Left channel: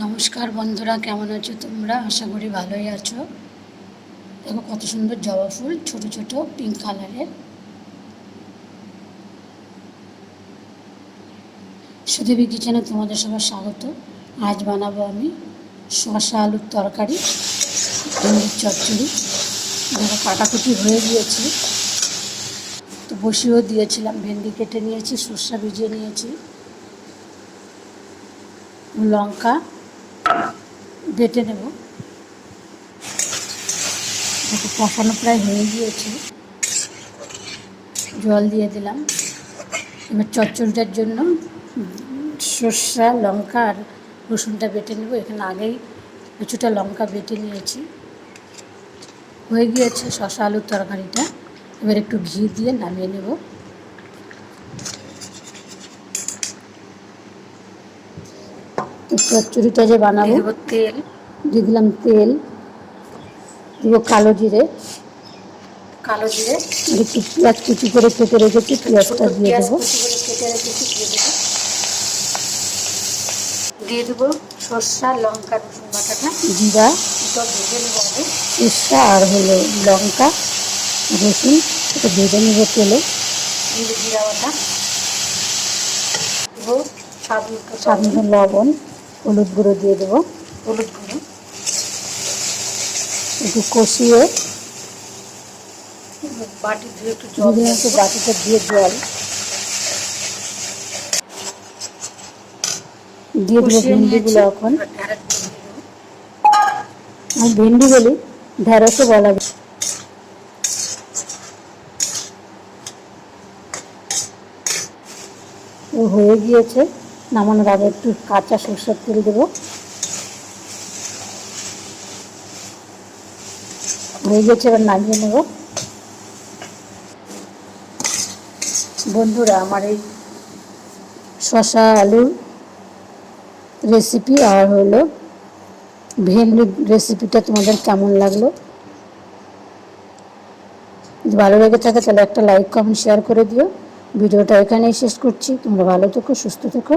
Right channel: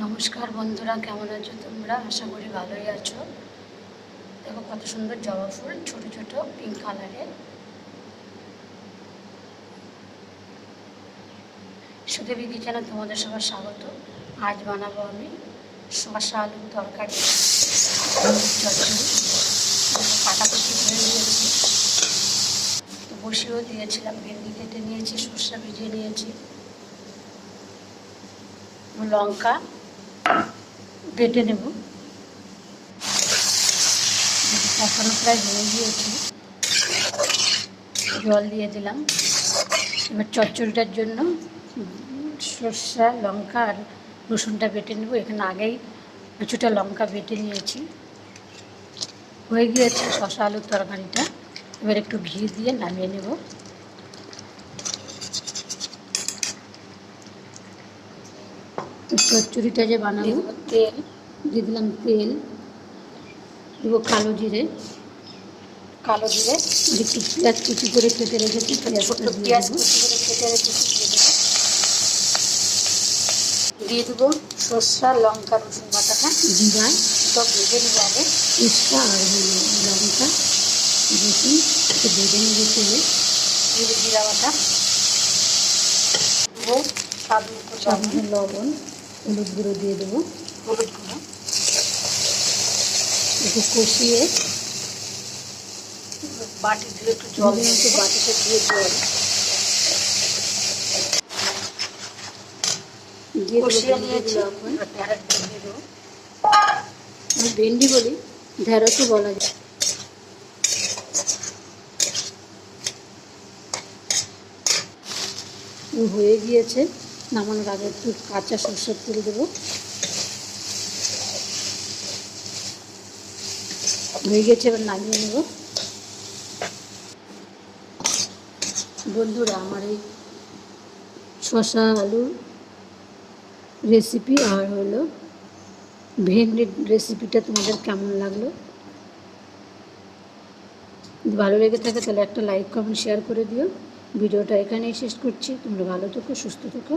নমস্কার বন্ধুরা, কেমন আছো তোমরা? আশা করি ভালোই আছো। দেখো কত সুন্দর জবা ফুল, ছোট ছোট পিঙ্ক কালারের সুদেবী কিচেনে তোমাদের সবার স্বাগত। আজ বানাবো আমি শসা আলুর তরকারি ভেন্ডির চচ্চড়ি। দেখো কাটাকুটি হয়ে গিয়েছে। তো বসিয়েও দিয়েছিলাম, ভেন্ডি কেটে নিয়েছি সর্ষা ভিজিয়ে নিয়েছি। লঙ্কা বেটে নেব। কষানো প্রায় হয়ে গিয়েছে। জল দিয়ে দিলাম। এবার চচ্চড়িটার জন্য সর্ষা, লঙ্কা আর রসুনটা বেটে নেব। এখানে আগেই কিছুটা লঙ্কা বেটে নিয়েছি। হয়ে গিয়েছে শশা আলুর তরকারিটা। এবার একটু ঘি দিয়ে নামিয়ে নেব। চচ্চড়িটা যে বানাবো। তেল। দিয়ে দিলাম তেল। দিব কালো জিরে। কালো জিরে। আর একটু পেঁয়াজ কুচি করে কেটে রেখেছি পেঁয়াজটা দিয়ে দেবো। দিয়ে দেবো। দিয়ে দেবো সর্ষা লঙ্কা রসুন বাটাটা। জিরা। ভেজে নেব আগে। সর্ষা আর হলো লঙ্কা রসুন। এটা ভেজে নেব তেলে। জিরা বাটা। দেবো মতো লবণ। হলুদ গুঁড়ো দিয়ে দেবো। হলুদ গুঁড়ো। একটু কষিয়ে বাটি দিয়ে একটু জল একটু বাটিতে দিয়ে জল। দিয়ে দেবো ভেন্ডিগুলো এখন। ভেন্ডি বলি ঢেঁড়সও বলা যায়। ও হয়ে গিয়েছে। নামানোর আগে একটু কাঁচা সরষের তেল দেবো। হয়ে গেছে, এবার নামিয়ে নেব। বন্ধুরা, আমার এই শশা আলুর রেসিপি আর হলো ভেন্ডির রেসিপিটা তোমাদের কেমন লাগল? যদি ভালো লেগে থাকে, তাহলে একটা লাইক কমেন্ট শেয়ার করে দিও। ভিডিওটা এখানেই শেষ করছি। তোমরা ভালো থেকো, সুস্থ থেকো।